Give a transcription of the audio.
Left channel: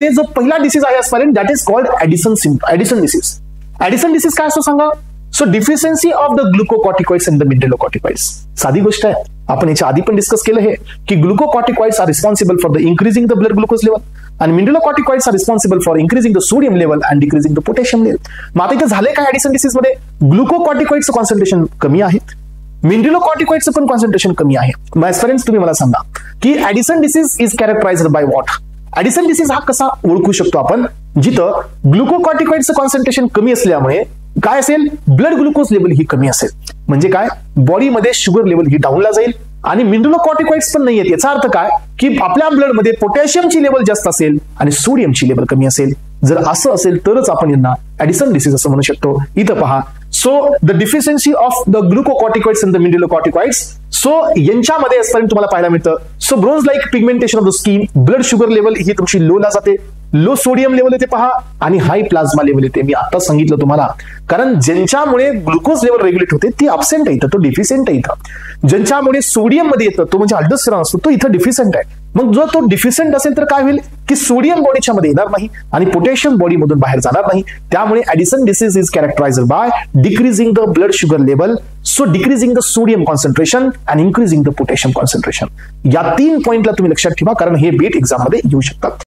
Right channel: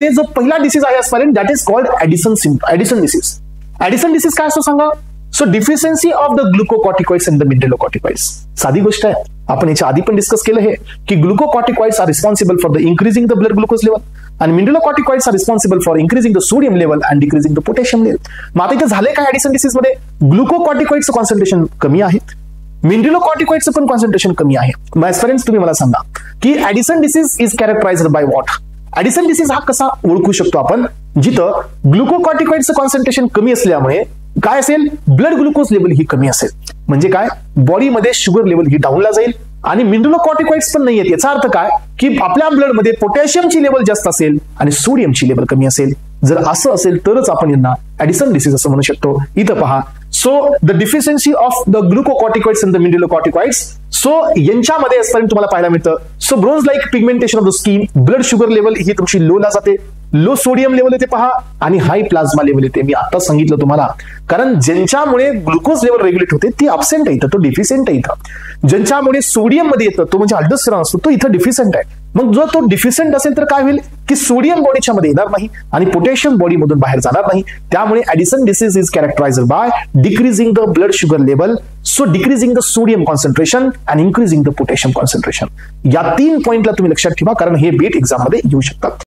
ते जो पहिला डिसीज आहे aspirant that is called Addison disease. Addison disease काय असतो सांगा? So deficiency of the glucocorticoids and the mineralocorticoids. साधी गोष्ट आहे, आपण याच्या आधी पण डिस्कस केलं हे की glucocorticoids are responsible for the increasing the blood glucose level आणि mineralocorticoids are responsible for increasing the sodium level and decreasing the potassium level. मग आता इथे झाले काय ऍडिसन डिसीज मध्ये? ग्लुकोकॉर्टिकॉइड्सचं कॉन्सन्ट्रेशन कमी आहे, मिनरलोकॉर्टिकॉइड्सचं पण कॉन्सन्ट्रेशन कमी आहे. फ्रेंड्स तुम्ही मला सांगा की Addison disease is characterized by what? Addison disease हा कसा ओळखू शकतो आपण? जिथं ग्लुकोकॉर्टिकॉइड्सचं कॉन्सन्ट्रेशन कमी असल्यामुळे काय असेल? ब्लड ग्लुकोज लेवल ही कमी असेल. म्हणजे काय? बॉडीमध्ये शुगर लेवल ही डाऊनला जाईल आणि मिनरलोकॉर्टिकॉइड्स पण नाही आहेत. याचा अर्थ काय की आपल्या ब्लडमध्ये पोटॅशियमची लेवल जास्त असेल आणि सोडियमची लेवल कमी असेल. जर असं असेल तरच आपण यांना ऍडिसन डिसीज असं म्हणू शकतो. इथं पहा, so the deficiency of the glucocorticoids and the mineralocorticoids. So यांच्यामध्ये असताना तुम्हाला पाहायला मिळतं so grows like pigmentation of the skin, blood sugar level ही तुमची लो ला जाते, लो सोडियम लेवल येते पहा आणि हाय प्लाझ्मा लेवल येते. मी आता सांगितलं तुम्हाला, कारण ज्यांच्यामुळे ग्लुकोज लेवल रेग्युलेट होते ते अब्सेंट आहे इथं, तो डिफिशियंट आहे इथं. ज्यांच्यामुळे सोडियम मध्ये येतं तो म्हणजे अल्डोस्टेरॉन असतो तो इथं डिफिशियंट आहे. मग जो तो डिफिशियंट असेल तर काय होईल की सोडियम बॉडीच्या मध्ये येणार नाही आणि पोटॅशियम बॉडी मधून बाहेर जाणार नाही. त्यामुळे Addison disease is characterized by decreasing the blood sugar level, so decreasing the sodium concentration and increasing the potassium concentration. या 3 पॉइंटला तुम्ही लक्षात ठेवा, कारण हे बीट एक्झाम मध्ये येऊ शकतात.